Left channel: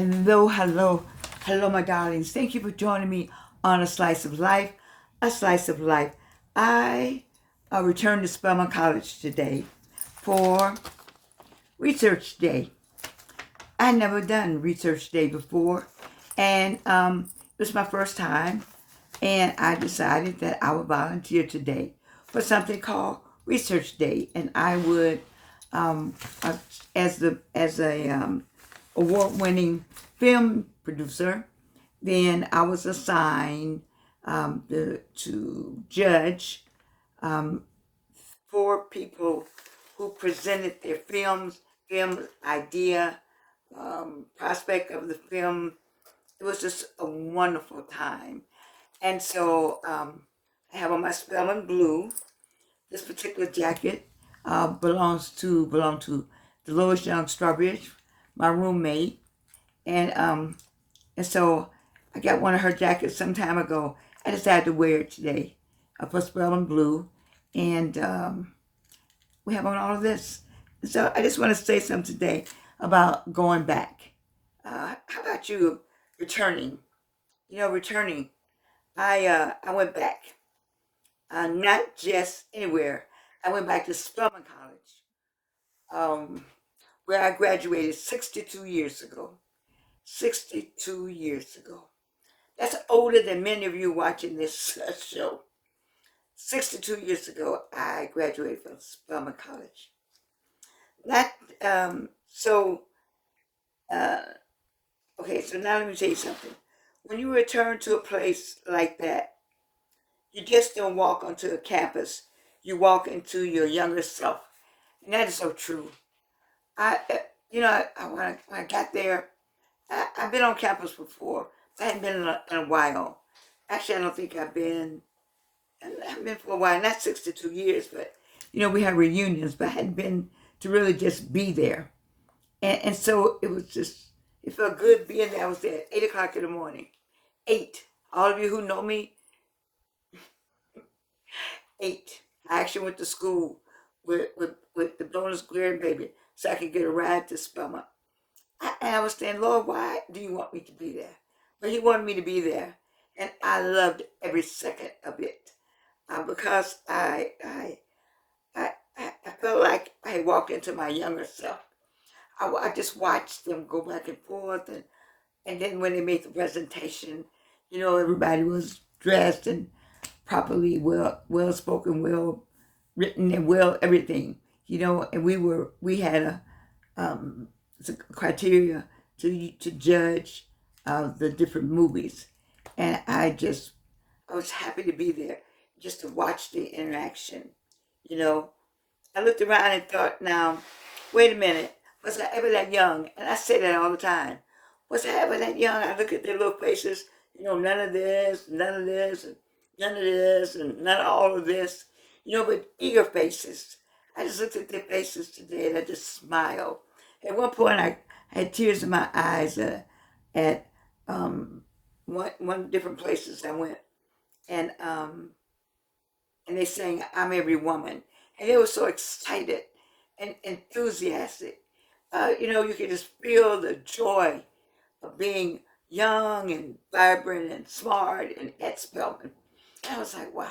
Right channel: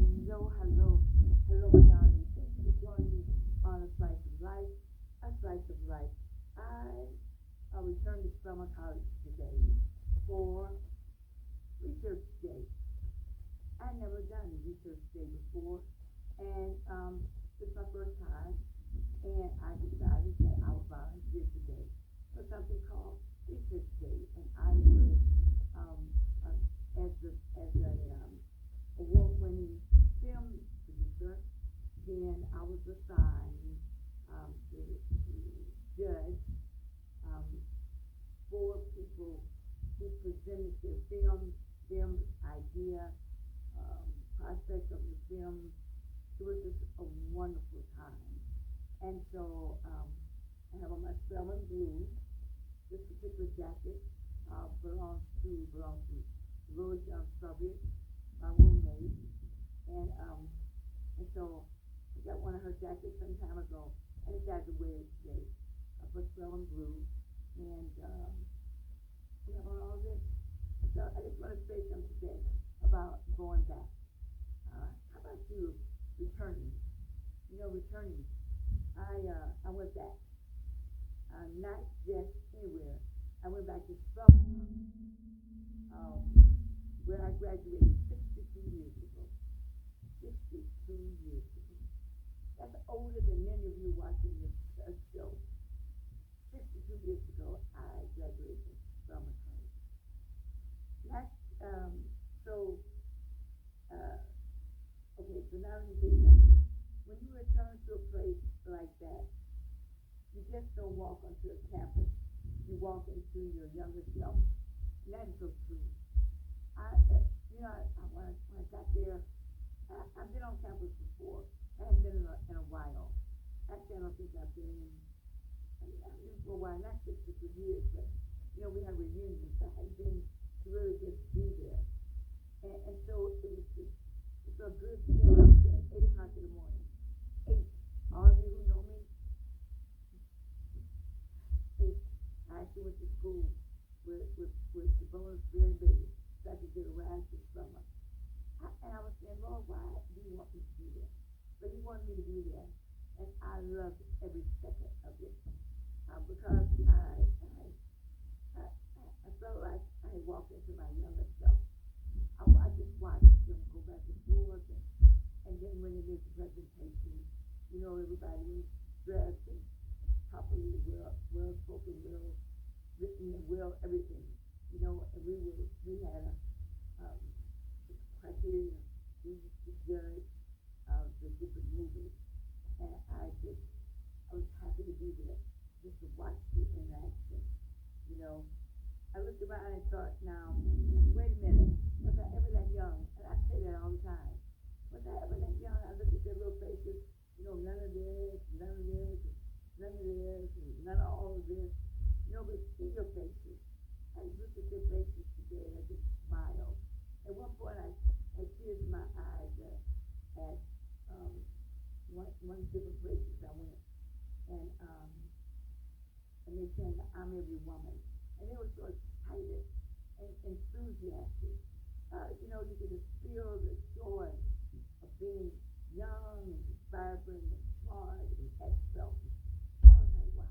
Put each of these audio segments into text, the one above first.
Hello, hello, hello, my darlings. Thank you for joining me on A Slice of Life. A Slice of Life. I returned to Spelman College today for Research Day. I never done Research Day before, and it was my first time, and I decided that I would volunteer today for something called Research Day, and I would, as a award-winning film producer, then I was assigned to judge um, 4 people who presented their film idea, prospect of the film. It was just a wonderful time. And so I have on my Spelman blue. This particular jacket belonged to Dolores Young Strawbridge, my roommate, and so I got one of her jackets some time ago. I decided to wear it today for Spelman blue, and we have on all of this. So I just want to say something today about going back. How about you returning? Returning. I went back, not just anywhere. I went back to Spelman College, where I graduated 62 years ago. 62 years ago. That's older than many of you watching this show. 62 years ago, I graduated from Spelman College. Not so. Okay, so now let me tell you something. When you return to a place like that, you just don't walk onto a campus. You walk into your younger self, and that is so true. When I got there, I've been on campus before. I hadn't been in a while. Actually, I don't think I've been for a while, not 62 years, but we had reunions, but I hadn't been to really just be there. And so it felt good being there. I was there at 8 o'clock in the morning. 8. All of you who know me, 8. I actually went to school with the bonus grandbaby so I could get a ride to Spelman. And I was saying, Lord, why do you want me to be there? But he wanted me to be there. And I loved every second of it because I felt like I had walked into my younger self. I just watched them go back and forth. And then when they made the presentation, everybody was dressed and properly well spoken, well written, and well everything. And we had a criteria to judge the different movies, and I was happy to be there just to watch the interaction. I looked around and thought, now, wait a minute, was I ever that young? And I say that all the time. Was I ever that young? I look at their little faces, none of this, none of this, and none of this, and none of all of this, but eager faces. I just looked at their faces today and I just smiled. At one point, I had tears in my eyes at one different places I went, and they sang "I'm Every Woman," and they were so excited and enthusiastic. You could just feel the joy of being young and vibrant and smart and at Spelman. And I was like, wow,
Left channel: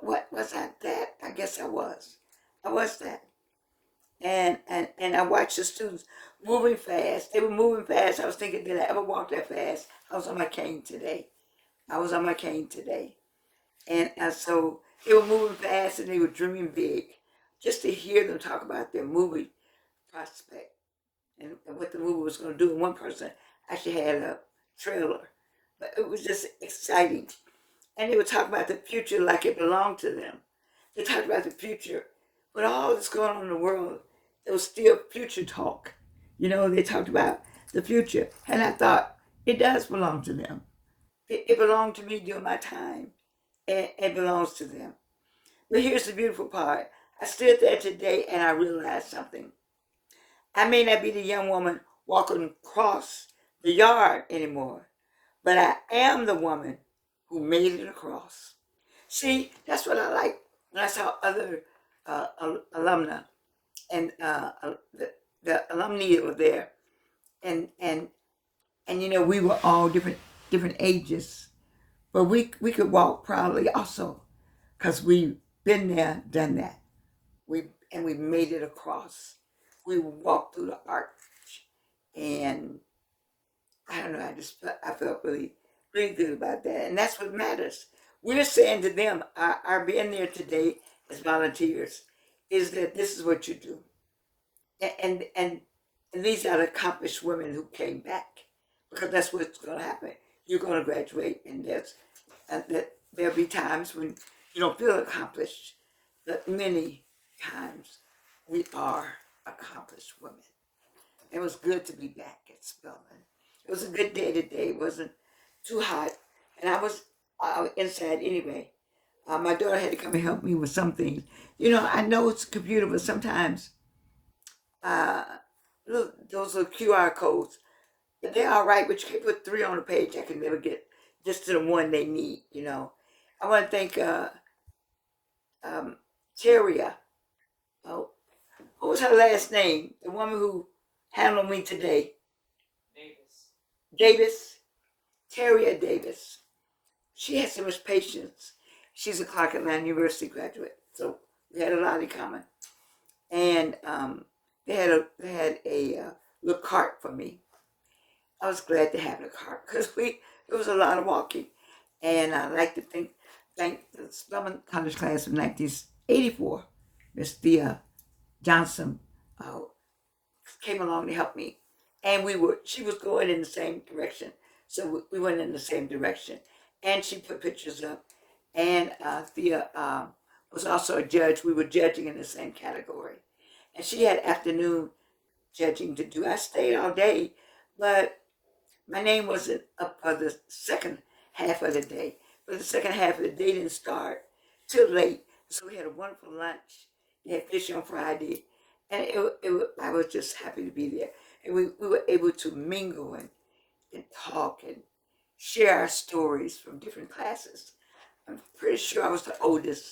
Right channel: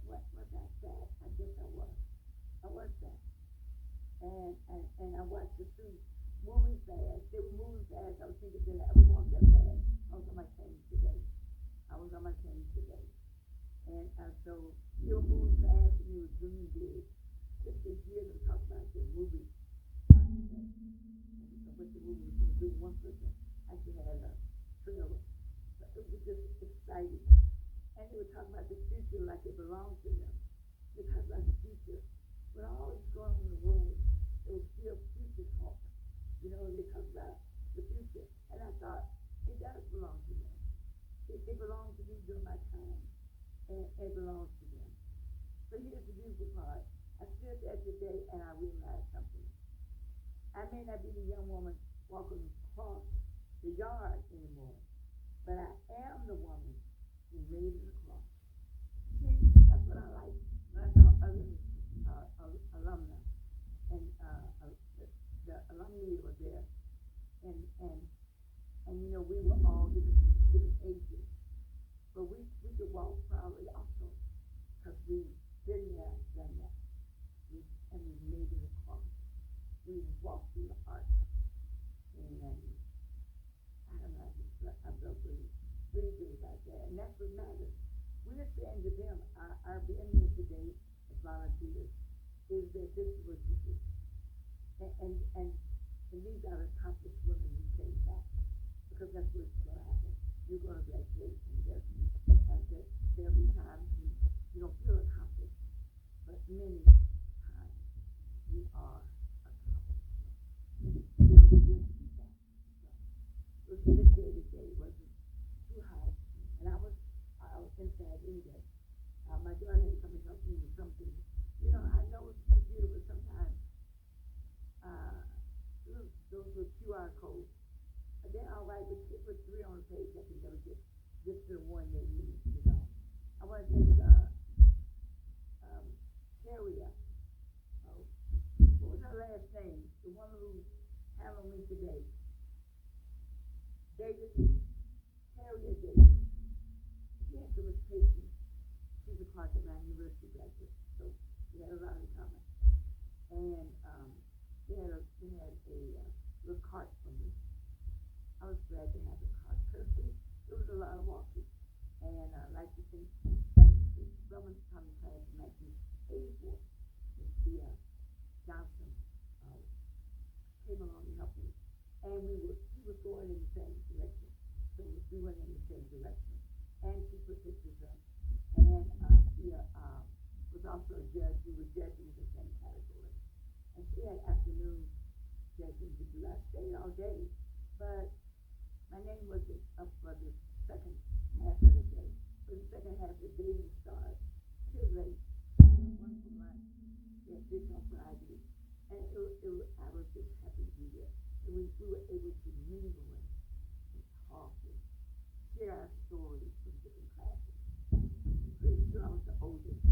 what was I that? I guess I was. I was that. And I watched the students moving fast. They were moving fast. I was thinking, did I ever walk that fast? I was on my cane today. And so they were moving fast and they were dreaming big. Just to hear them talk about their movie prospect and what the movie was going to do. And one person actually had a trailer. But it was just exciting. And they would talk about the future like it belonged to them. They talked about the future. With all that's going on in the world, there was still future talk. They talked about the future. And I thought, it does belong to them. It belonged to me during my time. And it belongs to them. But here's the beautiful part. I stood there today and I realized something. I may not be the young woman walking across the yard anymore, but I am the woman who made it across. See, that's what I like when I saw other alumna and the alumni were there. and you know, we were all different ages, but we could walk proudly also, because we've been there, done that. We made it across. We walked through the arch, and I don't know. I felt really good about that, and that's what matters. We're saying to them, our being there today as volunteers, is that this is what you do, and and these are the accomplished women who came back, because that's what's going to happen. You're going to graduate, and that there'll be times when you don't feel accomplished, but many times we are accomplished women. It was good to be back at Spelman. It was a good day today. It wasn't too hot, and I was inside anyway. My daughter had to come and help me with some things. You know, I know it's a computer, but sometimes uh, those little QR codes, they're all right, but you can put 3 on a page. I can never get just to the one they need, you know. I want to thank Teria. Oh, what was her last name? The woman who handled me today. Davis. Teria Davis. She has so much patience. She's a Clark Atlanta University graduate, so we had a lot in common. And they had a little cart for me. I was glad to have the cart because it was a lot of walking, and I like to thank the Spelman College class of 1984, Miss Thea Johnson, came along to help me, and she was going in the same direction, so we went in the same direction, and she put pictures up, and Thea was also a judge. We were judging in the same category, and she had afternoon judging to do. I stayed all day, but my name wasn't up for the second half of the day. But the second half of the day didn't start till late, so we had a wonderful lunch. We had fish on Friday, and I was just happy to be there. And we were able to mingle and talk and share our stories from different classes. I'm pretty sure I was the oldest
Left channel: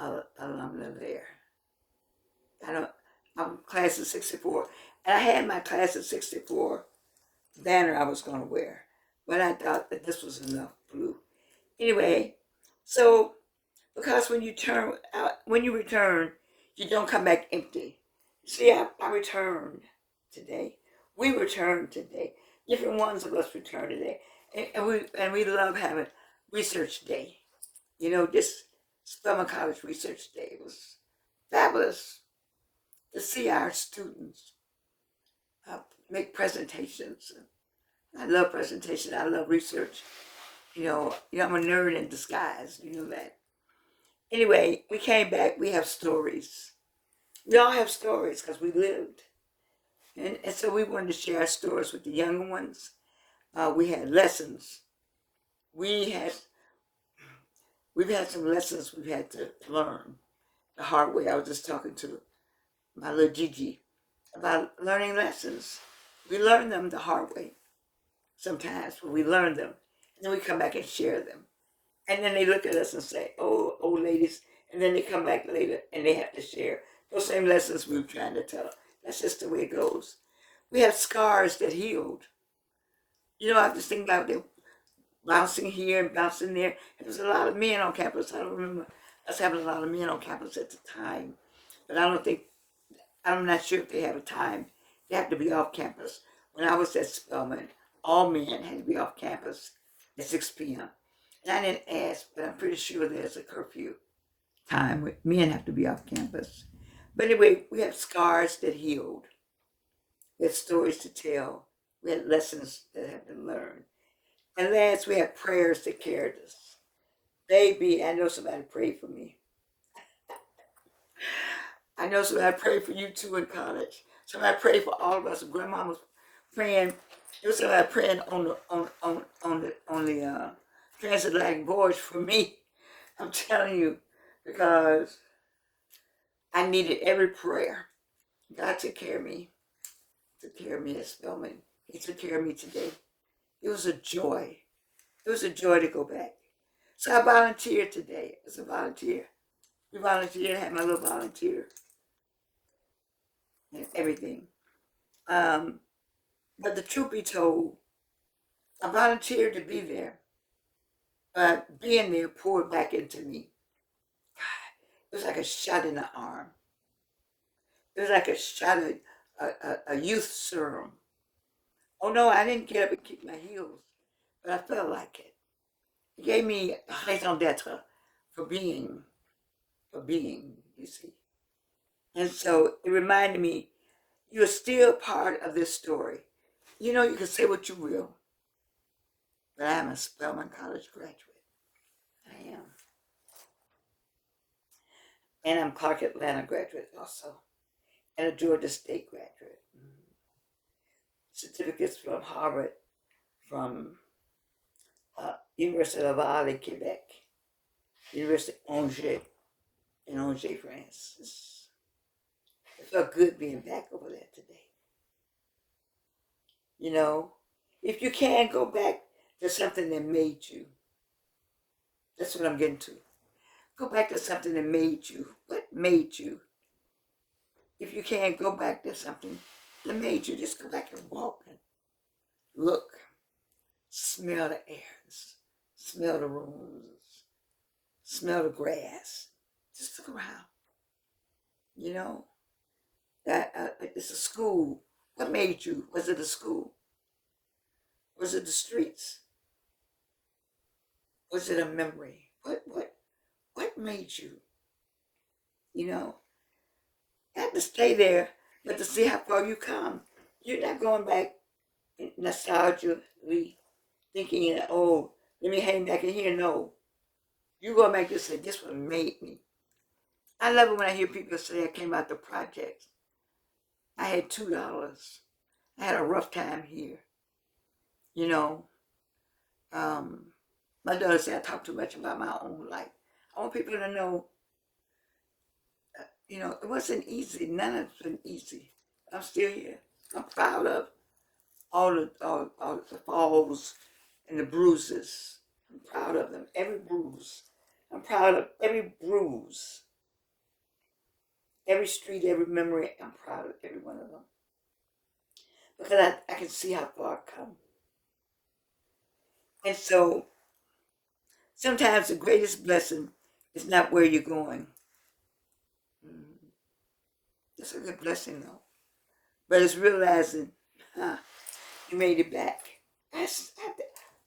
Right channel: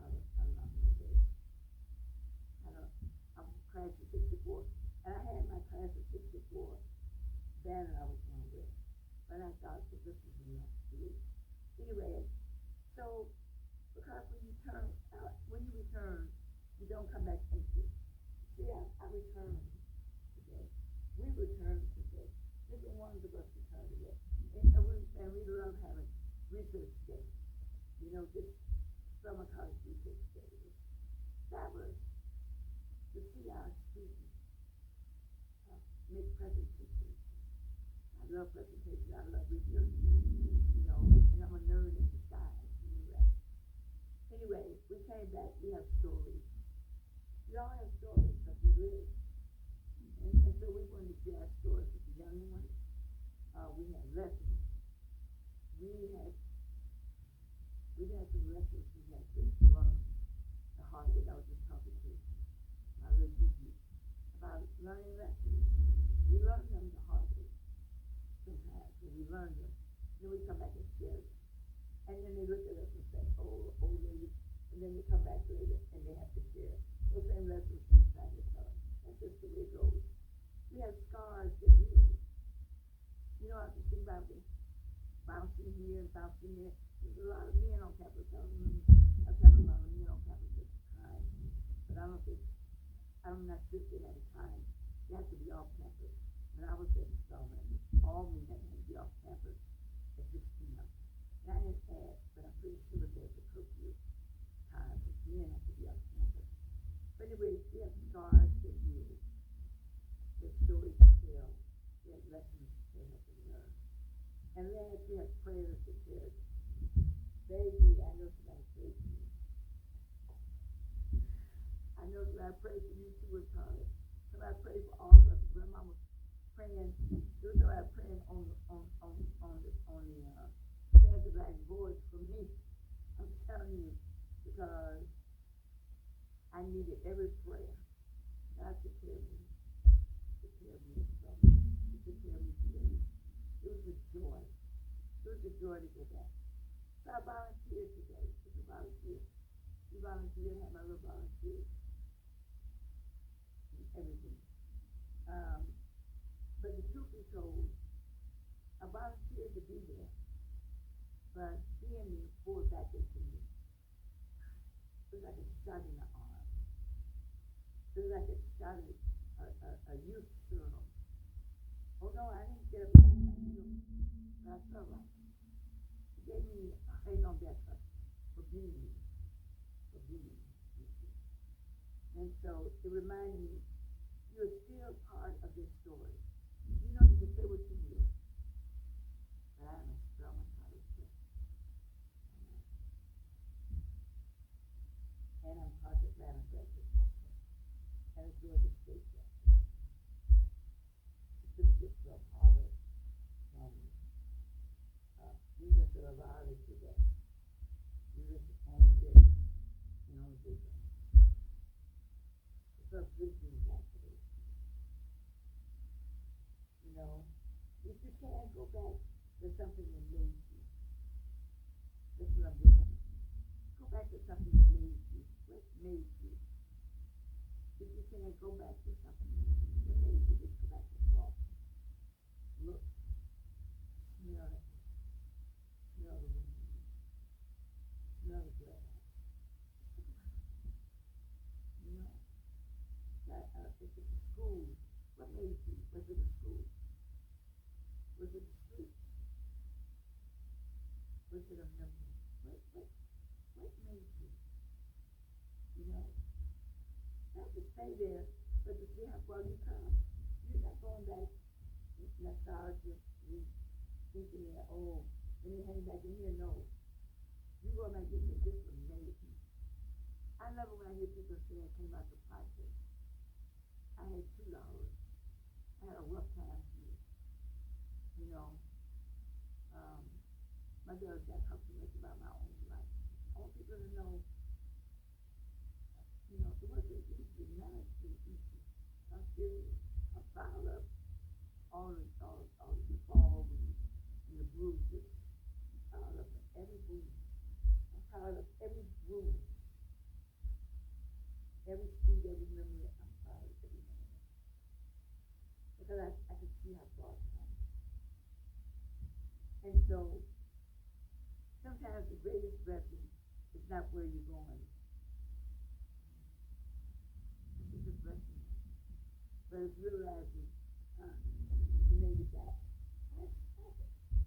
alumna there. I'm class of 64. And I had my class of 64 banner I was going to wear, but I thought that this was enough blue. Anyway, so because when you return, you don't come back empty. See, I returned today. We returned today. Different ones of us returned today, and we love having research day. You know, this Spelman College Research Day was fabulous to see our students make presentations. I love presentation. I love research. You know, I'm a nerd in disguise. You know that. Anyway, we came back. We have stories. We all have stories because we lived. And so we wanted to share our stories with the younger ones. We had lessons. We've had some lessons we've had to learn the hard way. I was just talking to my little Gigi about learning lessons. We learn them the hard way sometimes, but we learn them. And then we come back and share them. And then they look at us and say, oh, old ladies. And then they come back later and they have to share those same lessons we were trying to tell. That's just the way it goes. We have scars that healed. You know, I just think about them bouncing here and bouncing there. And there's a lot of men on campus. I don't remember us having a lot of men on campus at the time. But I'm not sure if they have a time. They have to be off campus. When I was at Spelman, all men had to be off campus at 6 p.m. And I didn't ask, but I'm pretty sure there's a curfew time where men have to be off campus. But anyway, we have scars that healed. We had stories to tell. We had lessons that have been learned. And last, we have prayers that carried us. Baby, I know somebody prayed for me. I know somebody prayed for you too in college. Somebody prayed for all of us. Grandma was praying. There was somebody praying on the transatlantic voyage for me. I'm telling you, because I needed every prayer. God took care of me. Took care of me at Spelman. He took care of me today. It was a joy. It was a joy to go back. So I volunteered today as a volunteer. We volunteered. I had my little volunteer and everything. But the truth be told, I volunteered to be there, but being there poured back into me. It was like a shot in the arm. It was like a shot of a youth serum. Oh no, I didn't get up and kick my heels, but I felt like it. It gave me raison d'etre for being, you see. And so it reminded me, you're still part of this story. You know, you can say what you will, but I'm a Spelman College graduate. I am. And I'm Clark Atlanta graduate also, and a Georgia State graduate. Certificates from Harvard, from University of Laval, Quebec, University of Angers, in Angers, France. It felt good being back over there today. You know, if you can go back to something that made you, that's what I'm getting to. Go back to something that made you. What made you? If you can't go back to something that made you, just go back and walk and look, smell the airs, smell the rooms, smell the grass. Just look around. You know, that it's a school. What made you? Was it a school? Was it the streets? Was it a memory? What made you? You know, not to stay there, but to see how far you come. You're not going back nostalgically thinking, oh, let me hang back in here. No. You go back and say, this one made me. I love it when I hear people say I came out the projects. I had $2. I had a rough time here. You know, my daughter said I talk too much about my own life. I want people to know, you know, it wasn't easy. None of it's been easy. I'm still here. I'm proud of all the falls and the bruises. I'm proud of them. Every bruise. I'm proud of every bruise. Every street, every memory, I'm proud of every one of them. Because I can see how far I've come. And so, sometimes the greatest blessing is not where you're going. It's a good blessing, though. But it's realizing, you made it back.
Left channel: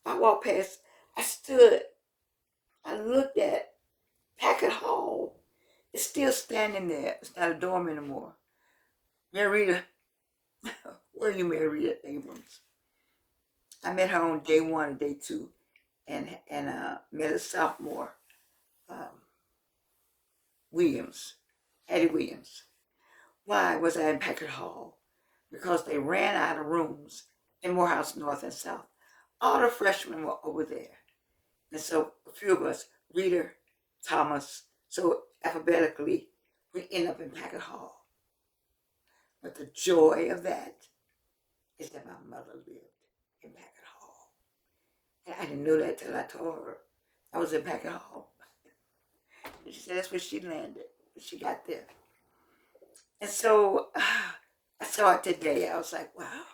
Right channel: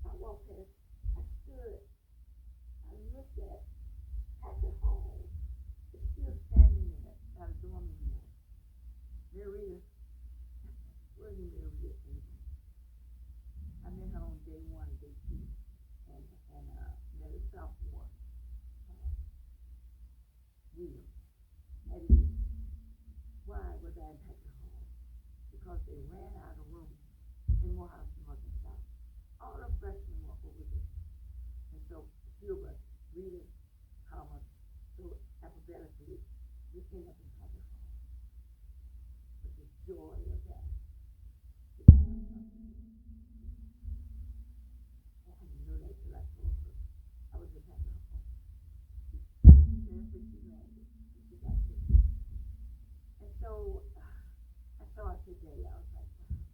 I walked past, I stood, I looked at Packard Hall. It's still standing there. It's not a dorm anymore. Marita, where are you, Marita Abrams? I met her on day 1 and day 2, and met a sophomore, Williams, Hattie Williams. Why was I in Packard Hall? Because they ran out of rooms in Morehouse North and South. All the freshmen were over there. And so a few of us, Rita, Thomas, so alphabetically, we end up in Packard Hall. But the joy of that is that my mother lived in Packard Hall. And I didn't know that till I told her I was in Packard Hall. And she said that's where she landed, when she got there. And so I saw it today. I was like, wow,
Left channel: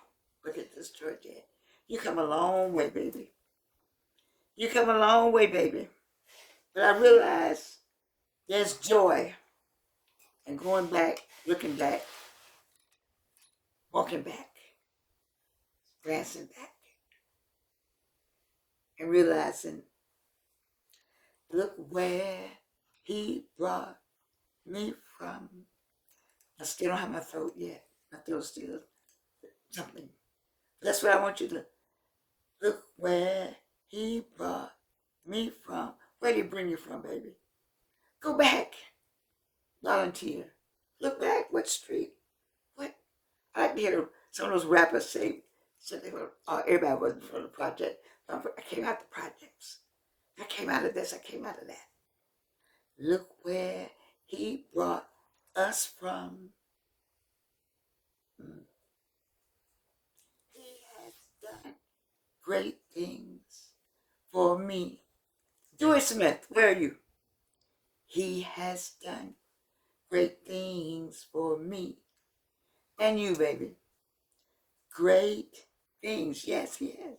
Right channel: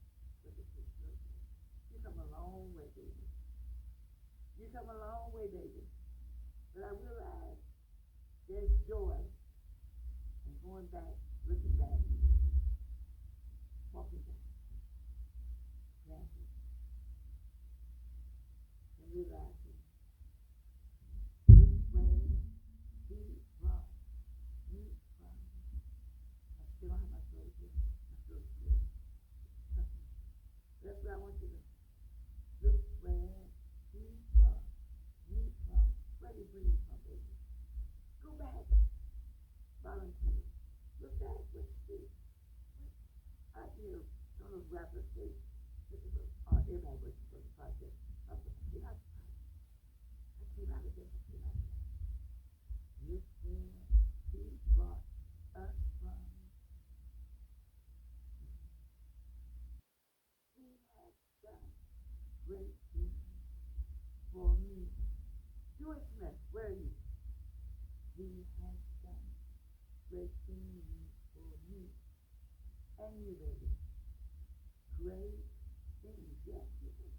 look at this Georgette. You come a long way, baby. You come a long way, baby. But I realized there's joy in going back, looking back, walking back, glancing back, and realizing, look where he brought me from. I still don't have my throat yet. My throat's still something. But that's what I want you to look where he brought me from. Where did he bring you from, baby? Go back. Volunteer. Look back. What street? What? I like to hear some of those rappers say they were, everybody wasn't from the project. I came out the projects. I came out of this. I came out of that. Look where he brought us from. He has done great things for me. Joy Smith, where are you? He has done great things for me. And you, baby. Great things. Yes, he has.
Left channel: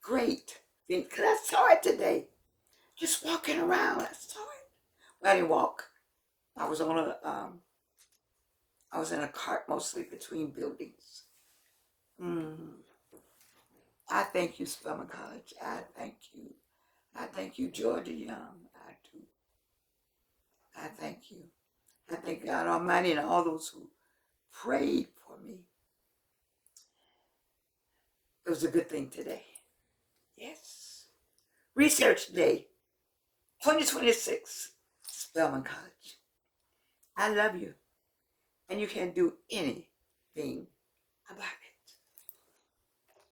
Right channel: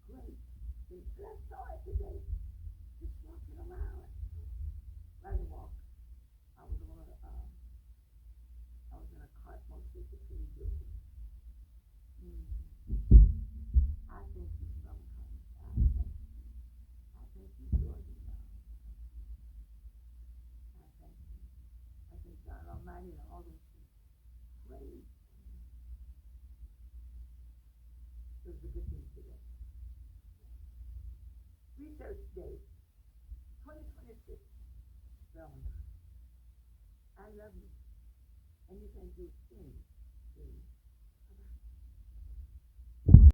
Great things. Because I saw it today. Just walking around. I saw it. Well, I didn't walk. I was on a, I was in a cart mostly between buildings. I thank you, Spelman College. I thank you. I thank you, Georgia Young. I do. I thank you. I thank God Almighty and all those who prayed for me. It was a good thing today. Yes. Research Day 2026, Spelman College. I love you. And you can't do anything about it.